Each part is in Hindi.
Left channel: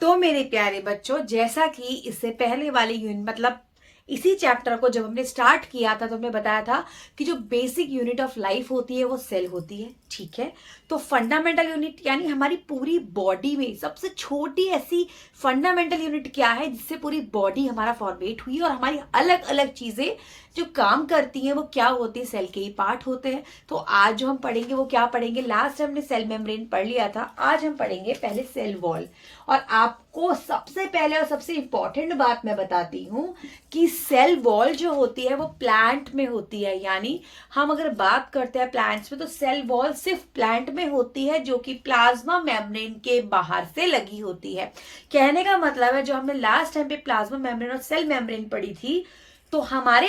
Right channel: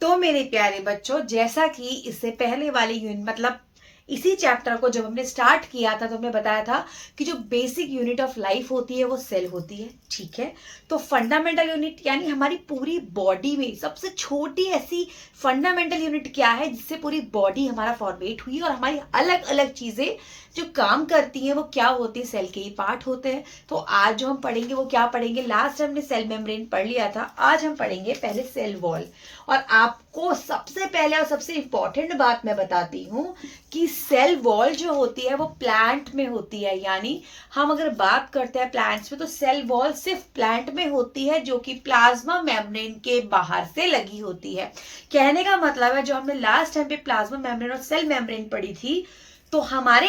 तो मेरे प्यारे बच्चों, जैसा कि इससे पहले वाले यूनिट मतलब इसी चैप्टर को जब हमने स्टार्ट किया था तो हमने बताया था कि जो बेसिक यूनिट ऑफ लाइफ होती है वो सेल होती है। ठीक है, तो फंडामेंटल यूनिट यानी हमारी पूरी बॉडी में सबसे छोटी ऐसी फंडामेंटल यूनिट क्या है जिससे पूरी बॉडी हमारा फॉर्मेट हुई और हमारी अलग अलग चीजें जो काम करती हैं वो क्या होती है, सेल के ही पार्ट होते हैं। तो आज जो हम पढ़ेंगे वो क्या पढ़ेंगे, लास्ट हमने सेल मेम्ब्रेन पढ़ लिया था, आज हम पढ़ेंगे पहले सेल वॉल। और आपको सबसे पहले और सबसे इंपॉर्टेंट बात मैं बताती हूँ कि सेल वॉल जो होती है वो प्लांट में होती है। यानी हम अगर बात करते हैं प्लांट्स में तो सेल वॉल सिर्फ प्लांट में होती है जो कि प्लाज्मा मेम्ब्रेन के बाहर से लगी होती है। कहने का मतलब है जो हमने लास्ट टाइम पे प्लाज्मा मेम्ब्रेन और सेल मेम्ब्रेन पढ़ी थी तो हमारे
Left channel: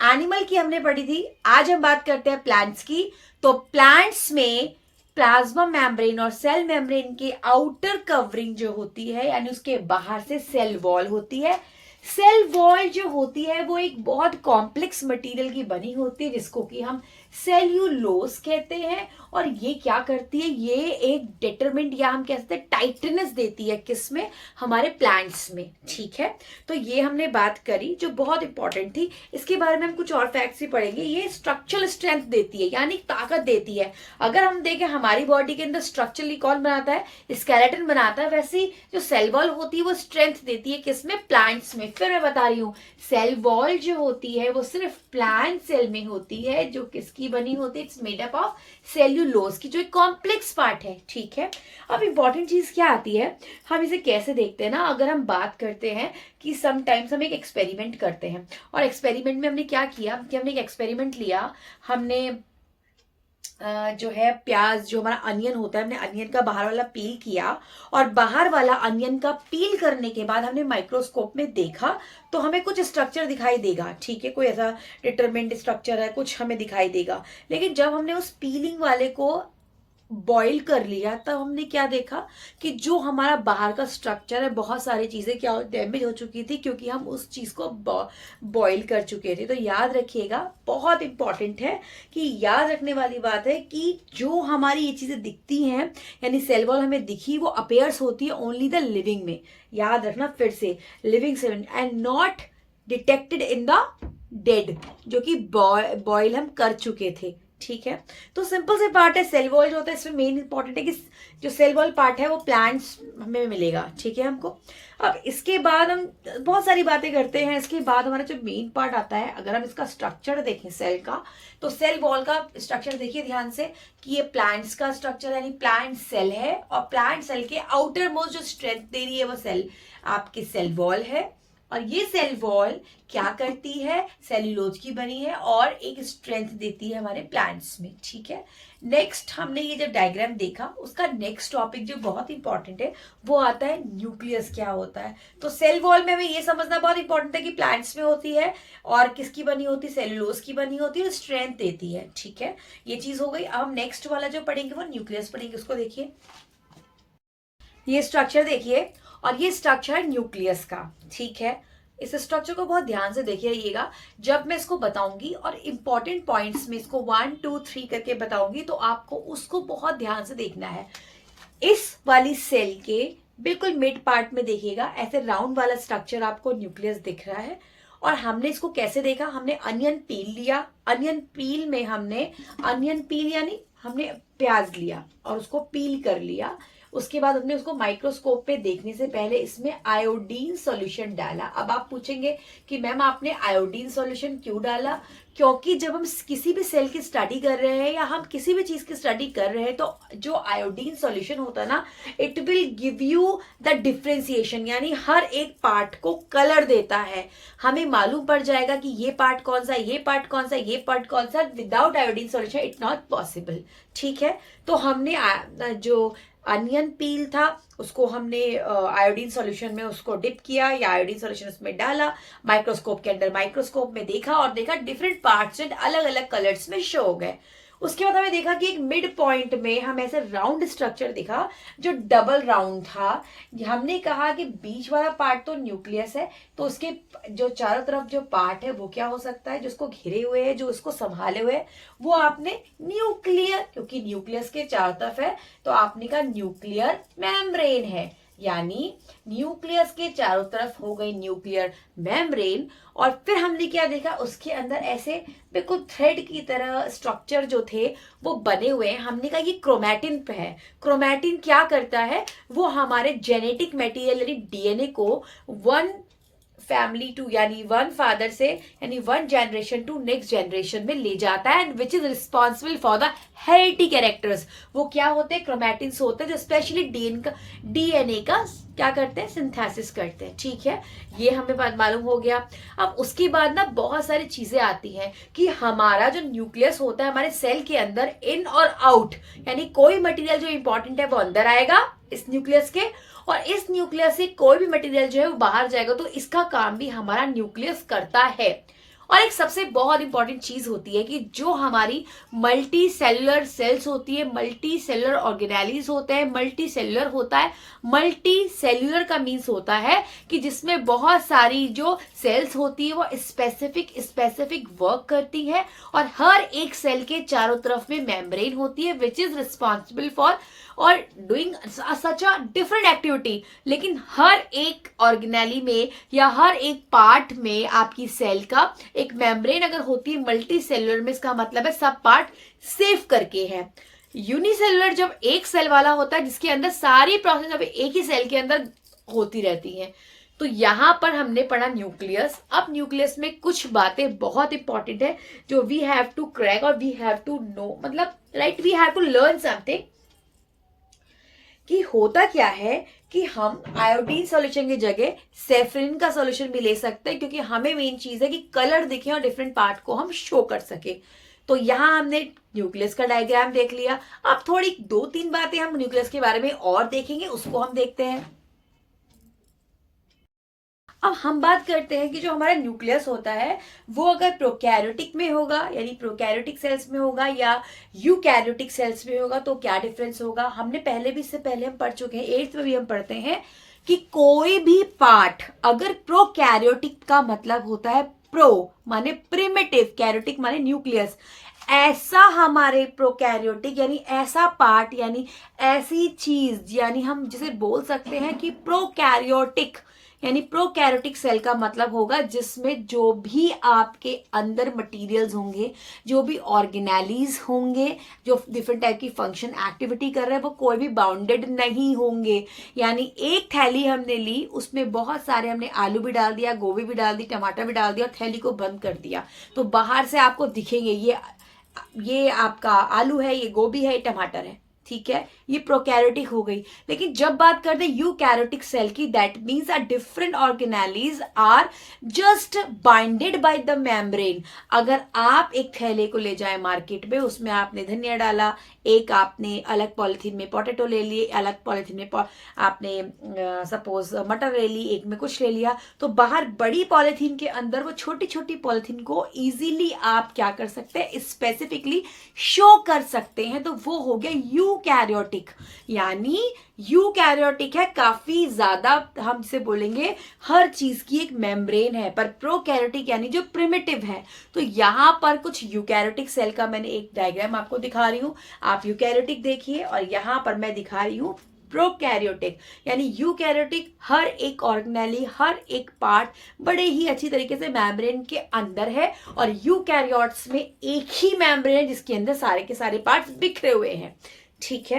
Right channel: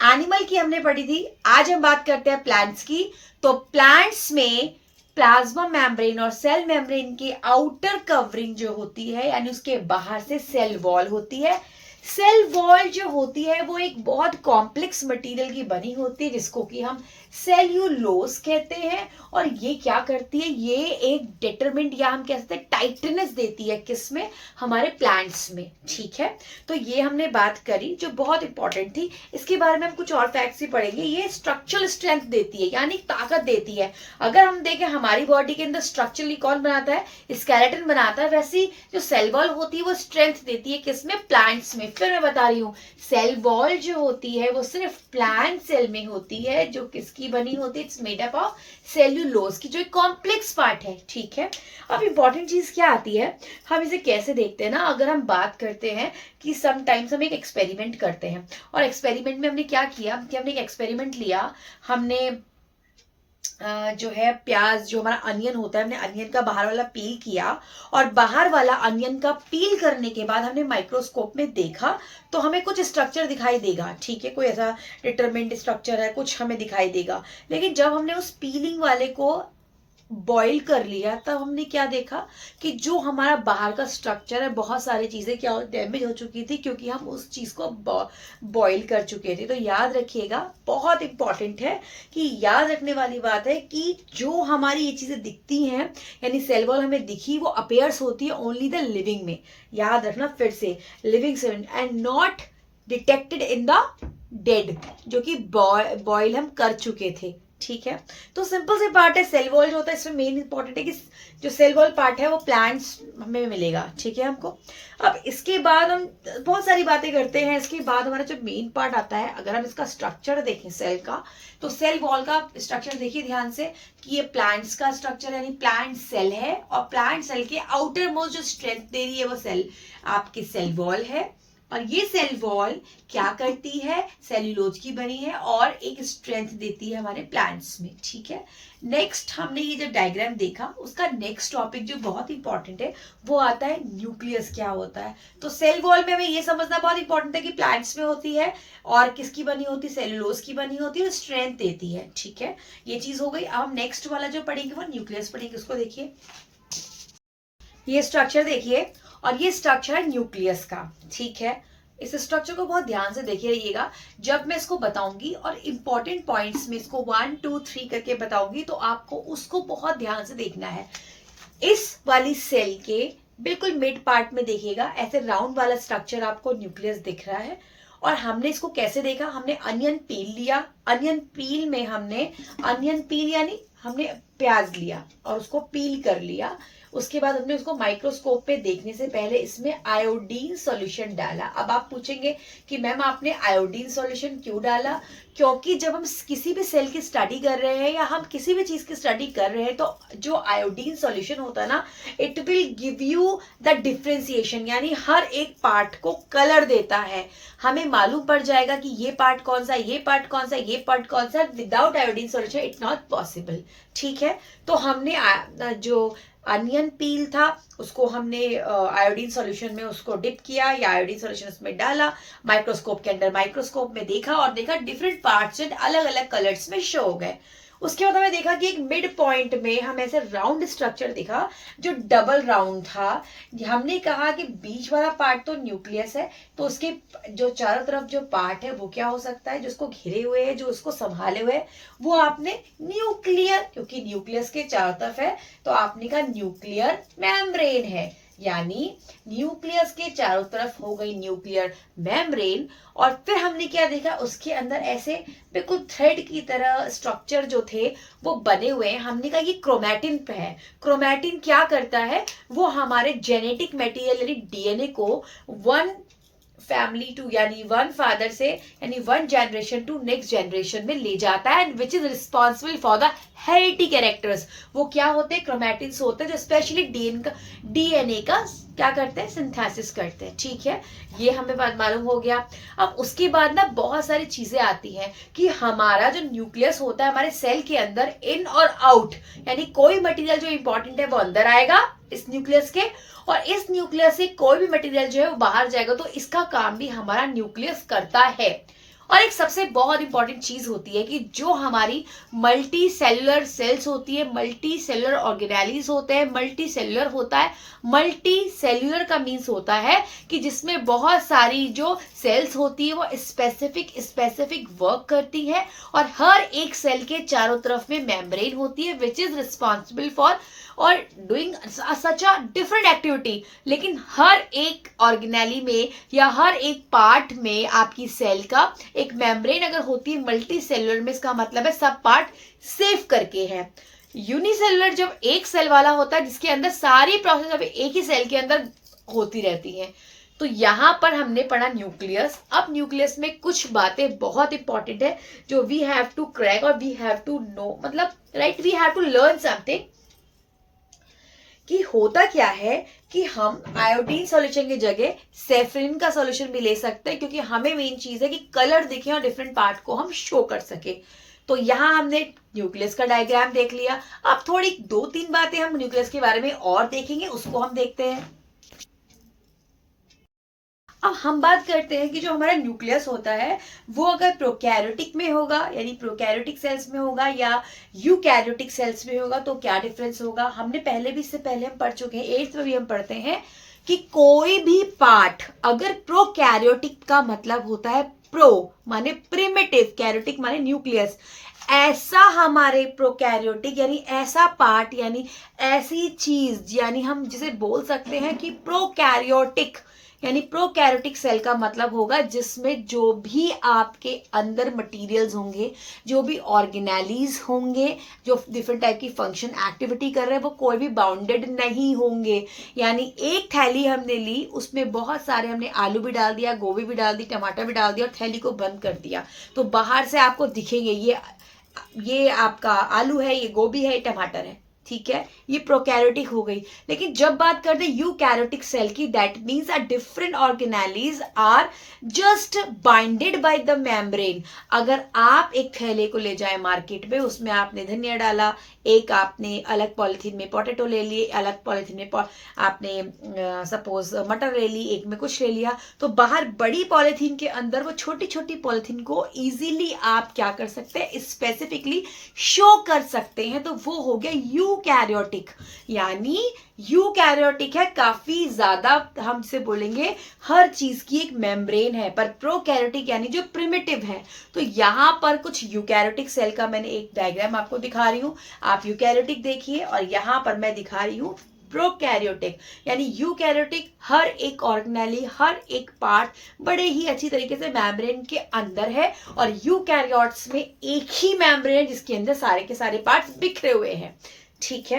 एनिमल की हमने पढ़ी थी, आज हम बात करते हैं प्लांट्स की। तो प्लांट्स में प्लाज्मा मेम्ब्रेन और सेल मेम्ब्रेन की आउटर कवरिंग जो होती है यानी उसके बाहर से सेल वॉल होती है। सेल वॉल जो होती है वो एक बहुत कॉम्प्लेक्स मटेरियल की बनी होती है जिसको कि हम सेल्यूलोज कहते हैं। और ये क्या करती है, ये एक डिटरमिनेंट या हम कह सकते हैं टाइटनेस देती है किसमें, हमारे प्लांट्स में। ठीक है, तो ये हमने बात करी जो बहुत इंपॉर्टेंट थी। इसके बारे में हम कुछ और फैक्ट्स भी पढ़ेंगे। ये स्ट्रक्चरल स्ट्रेंथ देती है यानी ताकत देती है। अगर हम देखें हमारी बॉडी के अंदर स्ट्रक्चरली कौन बनाता है, स्केलेटन बनाता है, वैसी जो सेल वॉल होती है वो स्ट्रेंथ देती है किसमें, प्लांट्स में। फिर मैं बता रही हूँ सेल वॉल जो होती है वो सिर्फ प्लांट सेल में होती है जो किसकी बनी होती है, it's made up of cellulose की, जो एक कॉम्प्लेक्स पार्ट है। ठीक है, अब इंपॉर्टेंट चीज क्या आती है, हम इसे कैसे देखते हैं ना, अगर हम बात करते हैं कि समटाइम्स हम एक एक्सपेरिमेंट करते हैं और एक्सपेरिमेंट में हमने क्या किया कि हमने एक एक्सपेरिमेंट लिया, हमने जो है प्याज जो हमारा अनियन होता है हमने अनियन का बाहर वाला पील किया और बाहर वाला अनियन का पील करने के बाद हमने माइक्रोस्कोप में देखा तो हमें कुछ स्ट्रक्चर दिखाई देगा। ठीक है, कोई ऐसा डिटरमिनेंट स्ट्रक्चर है कुछ हमें दिखाई देगा। लेकिन जब हमने उस पीलिंग वाले को बॉईल कर लिया तब हमने क्या देखा कि जो हमारा बाहर का स्ट्रक्चर है बहुत सारी चीजें क्या डैमेज हो चुकी थी क्योंकि हम उस चीज को बॉईल कर चुके थे। तो याद रखिएगा, बहुत इंपॉर्टेंट है कि याद रखने वाली बात है कि जो हमारी ये चीजें दिखती हैं यानी सेल वॉल हमें दिखी वो अपेयर्स होती है ओनली द लिविंग में। याद रखना फिर से, living cell and not detected in the dead, जो कि बॉयल हम कर चुके थे। ठीक है, तो सिंपल से पार्ट है सेल वॉल जो होता है इसमें मेन इंपॉर्टेंट है कि जो सेल वॉल पार्ट है वो प्लांट्स हमें मिलेगा। ठीक है हमको, अब इसके बाद हम बहुत सारी बातें करते हैं। इसके बाद हमारा जो मेन पार्ट आता है, अगर हम इसका स्ट्रक्चर देखें सेल का तो सेल वॉल का स्ट्रक्चर देखिए ध्यान से कि ये प्लांट्स का स्ट्रक्चर यानी प्लांट सेल है और प्लांट सेल के आउटर मोस्ट जो स्ट्रेंथ दे रही है वो सेल आपकी सेल वॉल है। और ये सेल वॉल क्या करती है, सेल्यूलोज की बनी है और एक स्ट्रेंथ देती है हमारे प्लांट्स में। ठीक है, नेक्स्ट हमने ये जो डायग्राम देखा उसका नेक्स्ट टॉपिक जो बहुत इंपॉर्टेंट है वो आता है न्यूक्लियस क्या होता है। तो सेल वॉल में हमें ये समझना बहुत इंपॉर्टेंट है कि प्लांट्स में होती है और किसकी बनी होती है, सेल्यूलोज की बनी होती है, स्ट्रेंथ देती है। ठीक है, ये चीज हो गई। अब नेक्स्ट वाला जो पढ़ेंगे वो न्यूक्लियस पढ़ेंगे। उसको देखिए, ये स्ट्रक्चर देखिए और ये स्ट्रक्चर है न्यूक्लियस का। ठीक है, इस स्ट्रक्चर को बहुत ध्यान से देखिए रहिएगा जब मैं इसको बताऊंगी और इंपॉर्टेंट पॉइंट्स में इसको 1 2 3 करके बताऊंगी तो आपको उसको बहुत ध्यान से देखना है। इस वाली सेल के बिल्कुल मिड पार्ट में देखिएगा ऐसे राउंड वाला स्ट्रक्चर आपको न्यूक्लियस दिख रहा है। और हमने इसको कैसे देखा, हमने अनियन पील लिया, अनियन पील में हमने अनियन पील यानी हमने प्याज लिया और उसको पील कर लिया। उसके बाद हमने उसको माइक्रोस्कोप पे देखने से पहले इसमें आयोडीन सॉल्यूशन डाला। अब आप पूछेंगे कि मैम आपने आयोडीन सॉल्यूशन क्यों डाला, क्योंकि जब हम किसी भी सेल की स्टडी कर रहे हैं या हम किसी भी चीज की स्टडी कर रहे हैं तो जो आयोडीन सॉल्यूशन होता है ना, it will give you the differentiation यानी हर एक पार्ट को कलर देता है। हमें मालूम पड़ जाएगा कि ये पार्ट कौन सा, ये पार्ट कौन सा, ये पार्ट कौन सा। Without iodine solution it not possible. ठीक है, तो हमने जो अनियन पील था उसको हमने आयोडीन सॉल्यूशन में उसको डिप किया या आयोडीन सॉल्यूशन उसमें डाला, माइक्रोस्कोप के अंदर माइक्रोस्कोप में देखा और देखा डिफरेंट पार्ट्स अलग अलग कलर्स में शो हो गए। उसके बाद हमें देखा कि एक मिड पॉइंट में हमें ऐसे राउंड स्ट्रक्चर दिखा जो डबल राउंड था। हमने कहा कि बीच वाला पार्ट तो न्यूक्लियस है तो उसके जो चारों तरफ जो पार्ट है वो क्या हो सकता है, जो उसको घिरे हुए है, जो उसको संभाले हुए है, वो आपने न्यूक्लियर, क्योंकि न्यूक्लियस के चारों तरफ है तो आपने कहा न्यूक्लियर मेम्ब्रेन है। यानी न्यूक्लियस के चारों तरफ हो गई न्यूक्लियर मेम्ब्रेन, और फिर हमने क्या देखा, उसके अंदर ऐसे बिल्कुल थ्रेड की तरह स्ट्रक्चर जो थे वो बने हुए हैं। हमने कहा ये क्रोमैटिन पे है। क्रोमैटिन क्या करता है, वो हमारे जेनेटिक मटेरियल यानी डीएनए को वन फैमिली टू यानी वन फादर से यानी one generation to next generation में ले जाता है, and which is responsible for the heredity characters. वो क्या होते हैं, क्रोमैटिन्स होते हैं जो स्पेशली डीएनए का क्या करते हैं, सिंथेसिस करते हैं। ठीक है, ये हमें बात मालूम हो गया। अब उसके बाद ना बहुत सारी चीजें आती हैं कि हमारा जो न्यूक्लियस होता है हमारे सेल के अंदर, इन और आउट, यानी कोई मटेरियल जो इंपॉर्टेंट है वो अंदर आएगा इस न्यूक्लियस के, और इस न्यूक्लियस से कोई भी मटेरियल जो है वो बाहर जाएगा। तो इसका काम भी हमारा न्यूक्लियस करता है। और एक सबसे बहुत इंपॉर्टेंट चीज होती है कि जो हमारी मल्टी सेलुलर सेल्स होती है, मल्टी सेलुलर ऑर्गेनेलीज होते हैं, मल्टी सेलुलर होता है। मल्टी सेल्युलर का मीन्स होता है कि जिसमें बहुत सारी जो सेल्स होती है वो स्पेसिफिक वर्क करती है, और हर एक सेल के चारों तरफ में मेम्ब्रेन होती है विच इज रिस्पॉन्सिबल फॉर और doing such a different activity. लेकिन हर एक ऑर्गेनेली में या हर एक पार्ट में आपकी सेल का एक मेम्ब्रेन अगर होती है मल्टी सेलुलर में, इसका मतलब है सब पार्ट सेव करके है। यूनिसेलुलर जब एक सेल वाला होता है जिसके अंदर सारी प्रोसेस अब एक ही सेल के अंदर होती रहती हैं। तो यहां पर हमने पढ़ा न्यूक्लियस। अब न्यूक्लियस में कुछ बातें बहुत इंपॉर्टेंट है जो वी हैव टू क्रैक और वी हैव टू नो, मतलब right, we have to learn something. कि होता क्या है कि हम आयोडीन सॉल्यूशन की जगह सेफ्रिन का सॉल्यूशन भी ले सकते हैं, क्योंकि हमें मेन चीज है कि कलर दिखे और डिफरेंट पार्ट को हम शो कर सके। तो यहां हमने न्यूक्लियस का डायग्राम देख लिया। अब थोड़ी 2-3 बातें हम न्यूक्लियस के बारे में और देखेंगे, उसको हम देखते हैं। अब हम बात करते हैं कि जो हमारा न्यूक्लियस होता है वो अगर प्रोकैरियोटिक में होगा यानी प्रोकैरियोटिक सेल्स में होगा या यूकैरियोटिक सेल्स में होगा तो क्या डिफरेंस होगा। हमने पहले भी, इससे पहले हम पढ़ चुके हैं, 8th में भी हम पढ़ते हैं कि कोई भी पार्ट अगर प्रोकैरियोटिक का मतलब होता है प्रो माने प्रिमिटिव, कैरियोटिक माने न्यूक्लियस, ऐसा हमारे प्रोकैरियोटिक यानी ऐसा पार्ट यानी ऐसी चीज, यानी हम जिसे बोल सकते हैं कि प्रोकैरियोटिक यानी प्रोकैरियोटिक सेल का मतलब होगा जिसमें जो भी आपके अंदर मटेरियल्स होंगे, जो भी ऑर्गेनेलीज होंगे, जो डिफरेंट टाइप की फंक्शन एक्टिविटी कर रहे हैं, वो कोई भी बाउंडेड नहीं होंगे। यानी एक थैली हमने ली, उसमें बहुत सारे हमने आलू भी डाल दिया, गोभी भी डाल दी, टमाटर भी डाल दिया और थैली को बंद कर दिया, तो बाहर से आपको दिखेंगे ये आपका आलू है, ये गोभी है, ये टमाटर है। ठीक है, ये प्रोकैरियोटिक हो गई। लेकिन जब बात करते हैं यूकैरियोटिक सेल की, that means a different organelles are just binded by the membrane. अगर आप एक थैले को ले जाए मार्केट में, उसमें आपने धनिया डाला, एक आपने अलग पॉलिथीन में पोटैटो ले लिए, अलग पॉलिथीन में आपने सपोज मटर ले ली, एक में कुछ ले लिया, तो बाहर बड़ी पॉलिथीन के अंदर वो छोटी छोटी पॉलिथीन को इजीली आप क्या कर सकते हैं, स्पेसिफिकली शो कर सकते हैं। तो वो हो गया यूकैरियोटिक। यानी यूकैरियोटिक है, काफी ज्यादा हमसे बोलेंगे हर चीज की एक मेम्ब्रेन है, पर प्रोकैरियोटिक यानी जो प्रिमिटिव है। तो यहां पर कुछ यूकैरियोटिक सेल का मैंने एक डायग्राम आपको दिखा रही हूं, आप यूकैरियोटिक देखिए, और यहां पर मैं दिखा रही हूं प्रोकैरियोटिक। यानी यूकैरियोटिक हर एक ऑर्गेनेली, हर एक पार्ट बड़े ही अच्छी तरीके से मेम्ब्रेन के अंदर है, और यूकैरियोट्स में एक ही मेम्ब्रेन है जिसके अंदर सारे के सारे पार्ट्स बिखरे हुए हैं। ठीक है,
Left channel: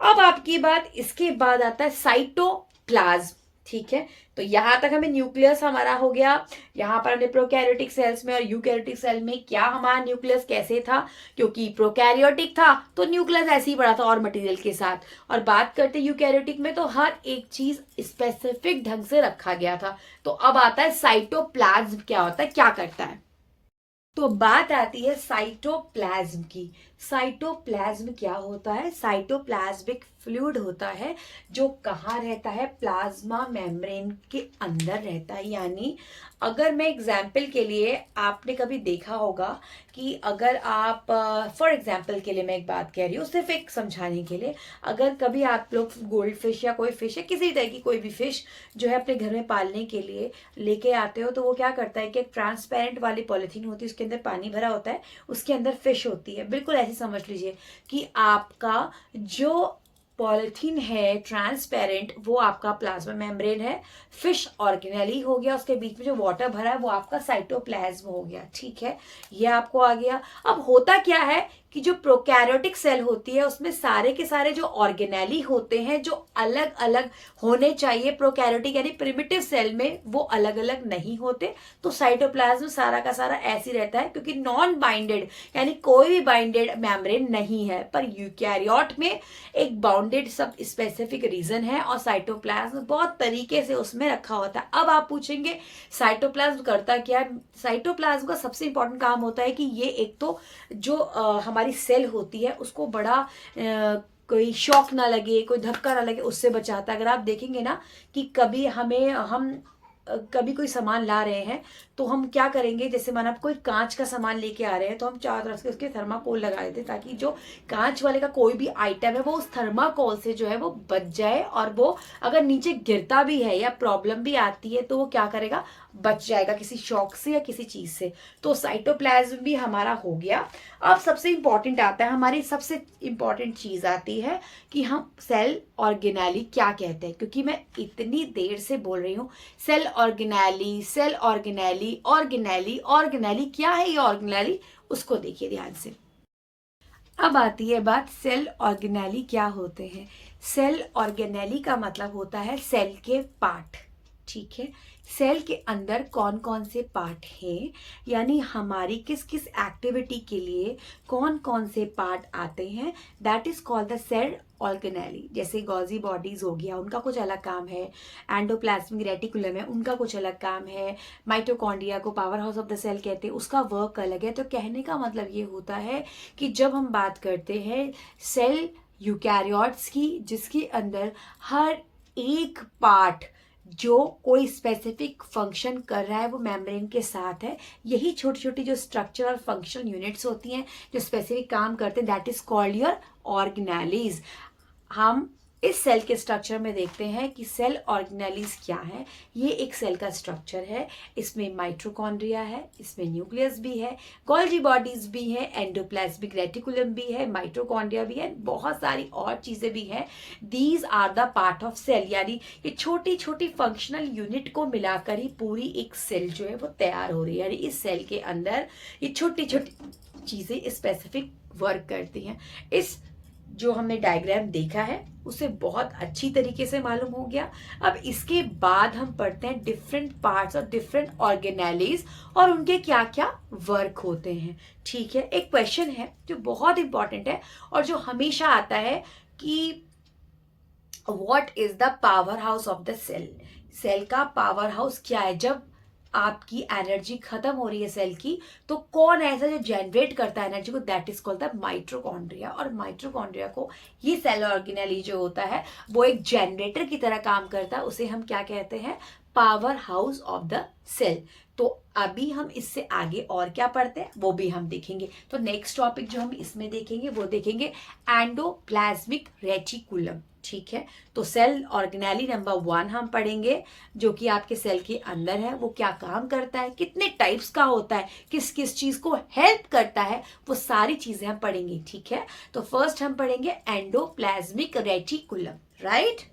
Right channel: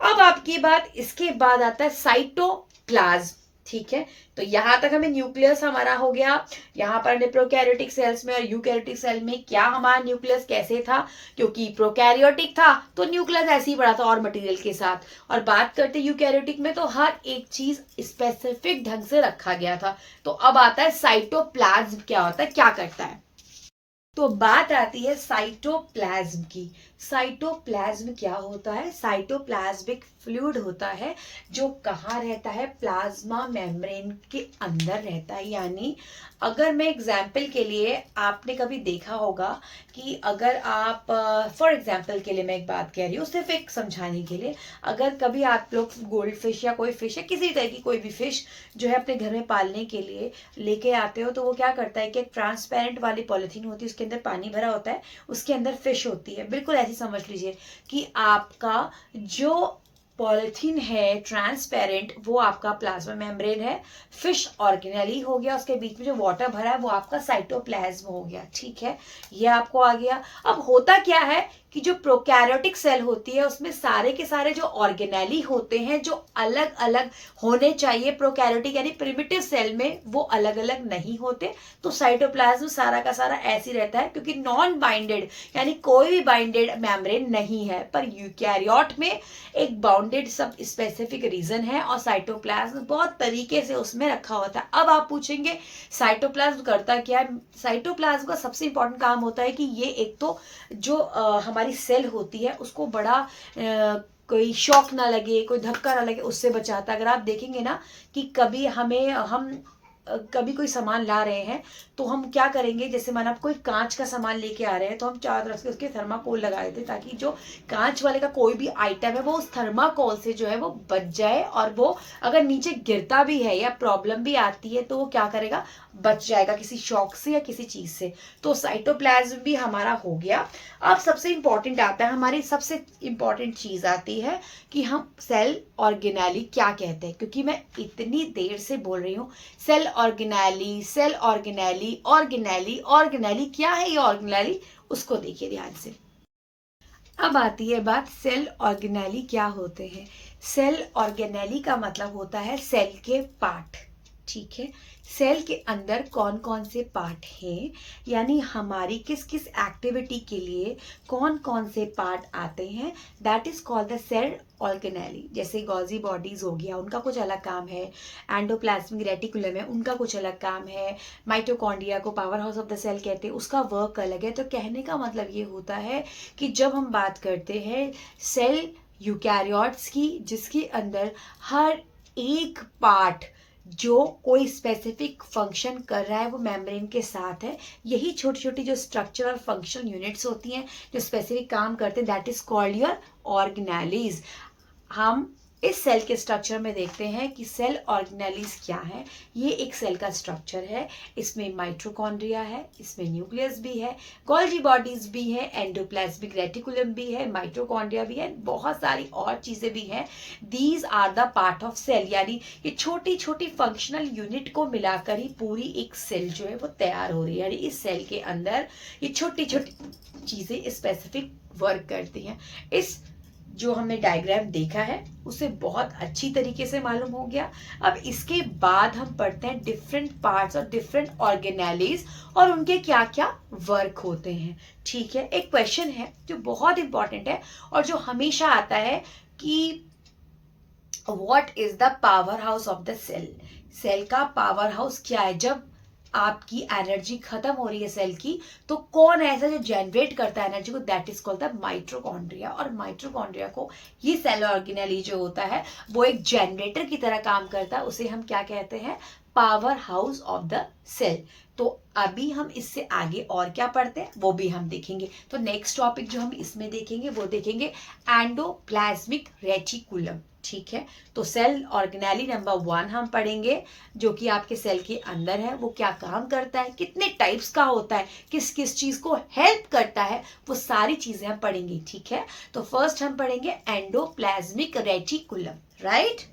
अब आपकी बात, इसके बाद आता है साइटोप्लाज्म। ठीक है, तो यहां तक हमें न्यूक्लियस हमारा हो गया। यहां पर हमने प्रोकैरियोटिक सेल्स में और यूकैरियोटिक सेल में क्या हमारा न्यूक्लियस कैसे था, क्योंकि प्रोकैरियोटिक था तो न्यूक्लियस ऐसे ही पड़ा था और मटेरियल के साथ। और बात करते यूकैरियोटिक में तो हर एक चीज स्पेसिफिक ढंग से रखा गया था। तो अब आता है साइटोप्लाज्म क्या होता है, क्या करता है। तो बात आती है साइटोप्लाज्म की। साइटोप्लाज्म क्या होता है, साइटोप्लाज्मिक फ्लूइड होता है जो कहाँ रहता है, प्लाज्मा मेम्ब्रेन के अंदर रहता है। यानी अगर मैं एग्जाम्पल के लिए, आपने कभी देखा होगा कि अगर आप फॉर एग्जाम्पल के लिए मैं एक बात कह रही हूँ सिर्फ एक समझाने के लिए, अगर कभी आप लोग गोल्ड फिश या कोई फिश है, किसी तरह की कोई भी फिश जो है अपने घर में पालने के लिए लेके आते हो, तो वो क्या करता है कि एक ट्रांसपेरेंट वाली पॉलिथीन होती है, उसके अंदर पानी भरा होता है, उसके अंदर फिश होती है। बिल्कुल ऐसे समझ लीजिए कि आपका जो पॉलिथीन है ट्रांसपेरेंट, वो आपका प्लाज्मा मेम्ब्रेन है। फिश ऑर्गेनेली हो गया, उसके बीच में जो वाटर भरा है वो आपका साइटोप्लाज्म हो गया, ठीक है, ये आपको आ गया। अब होता क्या है कि जो प्रोकैरियोटिक सेल होती है उसमें सारे के सारे जो ऑर्गेनेली होते हैं जो अलग अलग होने चाहिए, प्रोकैरियोटिक यानी प्रिमिटिव सेल में वो अलग अलग नहीं होते, तो साइटोप्लाज्म सारा का सारा ऐसे रहता है क्योंकि नॉन बाइंडेड यानी कोई भी बाइंडेड मेम्ब्रेन नहीं है। पर यूकैरियोट में एक बाउंडेड सब स्पेसिफिक रीजन है और साइटोप्लाज्म बहुत तरीके से उसमें रखा होता है। अब आप पूछेंगे साइटोप्लाज्म करता क्या है? साइटोप्लाज्म का सबसे इंपॉर्टेंट काम होता है कि ये एक तो जो हमारी सेल होती है उसको बड़ा कोई शॉक ना लगे, कोई धक्का ना लगे, उससे बचाता है। अगर आप देखेंगे ना कि कभी हम कभी कोई सामान ला रहे हैं तो हम क्या करेंगे, जैसे माना आप कोई कांच का सामान लेके आ रहे हैं तो हम चारों तरफ से उसके थर्माकोल लगा देते हैं ताकि जो कांच वाले का कोई भी आइटम है वो उस थर्माकोल से जो है वो बच जाए, और वो अगर नीचे गिरता भी है या प्रॉब्लम भी आती है तो वो क्या करेगा, बच जाएगा किसी शॉक से या किसी चीज से। तो साइटोप्लाज्म भी हमारा हो गया। अब सबसे इंपॉर्टेंट आता है, हमारी सबसे इंपॉर्टेंट चीज आती है कि हम सेल ऑर्गेनेली क्या कहते हैं, क्योंकि मैं इतनी देर से बोल रही हूँ cell organelle cell organelle organelle organelle, क्या है ये ऑर्गेनेली, उसको देखिए ध्यान से। अब आती है बात सेल ऑर्गेनेली क्या होते हैं। सेल ऑर्गेनेली का मतलब होता है सेल के पार्ट, ठीक है। सेल के अंदर कौन कौन से पार्ट हैं, यानी हमारी किस किस एक्टिविटी के लिए कौन कौन से पार्ट आते हैं, that is called the cell organelle. जैसे गॉजी बॉडीज हो गया, उनका कुछ अलग काम है, एंडोप्लाज्मिक रेटिकुलम है, उनका कुछ अलग काम है, माइटोकॉन्ड्रिया को powerhouse of the cell कहते हैं, उसका वर्क अलग है। तो कहने का मतलब ये होता है कि जब हम बात करते हैं सेल यूकैरियोट्स की, जिसके अंदर हर एक पार्ट जो कोई स्पेसिफिक फंक्शन कर रहा है वो मेम्ब्रेन के साथ है, यही छोटी छोटी जो स्ट्रक्चरल फंक्शनल यूनिट्स होती हैं जो स्पेसिफिक काम करते हैं, that is called your organelles. हम इस सेल के स्ट्रक्चर में देखते हैं कि सेल ऑर्गेनेलीज क्या है। ये एक सेल का स्ट्रक्चर है, इसमें माइटोकॉन्ड्रिया है, इसमें न्यूक्लियस भी है, गोल्जी बॉडीज भी है, एंडोप्लाज्मिक रेटिकुलम भी है, माइटोकॉन्ड्रिया भी है, बहुत सारी और चीजें भी हैं। These are the part of cell, यानी ये छोटी छोटी फंक्शनल यूनिट को मिलाकर ही पूरी एक सेल जो है वो तैयार हो रही है। यानी इस सेल के अंदर ये छोटी छोटी चीजें स्पेसिफिक वर्क करती हैं। इस जो हमने डायग्राम देखा है उसे बहुत अच्छी तरीके से मालूम हो गया। अब इसके बाद हम पढ़ते हैं डिफरेंट पार्ट्स और डिफरेंट ऑर्गेनेलीज और उनके क्या क्या वर्क होते हैं, ठीक है। एक क्वेश्चन है जो बहुत इंपॉर्टेंट है और जो हमेशा आता है कि what is the powerhouse of the cell. Cell का पावर हाउस क्या है? जब आपकी एनर्जी खत्म हो रही है सेल की तो कौन ऐसा जो जनरेट करता है एनर्जी को, that is called the mitochondria. और माइटोकॉन्ड्रिया को ये सेल ऑर्गेनेली जो होता है वो एक जनरेटर की तरह काम करता है, उसे हम क्या कहते हैं, powerhouse of the cell. तो अभी हम इससे आगे और क्या पढ़ते हैं वो भी हम देखेंगे। तो नेक्स्ट टॉपिक जो हम इसमें देखेंगे वो देखेंगे एंडोप्लाज्मिक रेटिकुलम, ठीक है। तो सेल ऑर्गेनेली नंबर 1 हम पढ़ेंगे, जो कि आपके सेल के अंदर है, वो क्या काम करता है, कितने टाइप्स का होता है, किस किस चीज को हेल्प करता है, वो सारी चीजें हम पढ़ेंगे, ठीक है। तो फर्स्ट हम पढ़ेंगे एंडोप्लाज्मिक रेटिकुलम, राइट।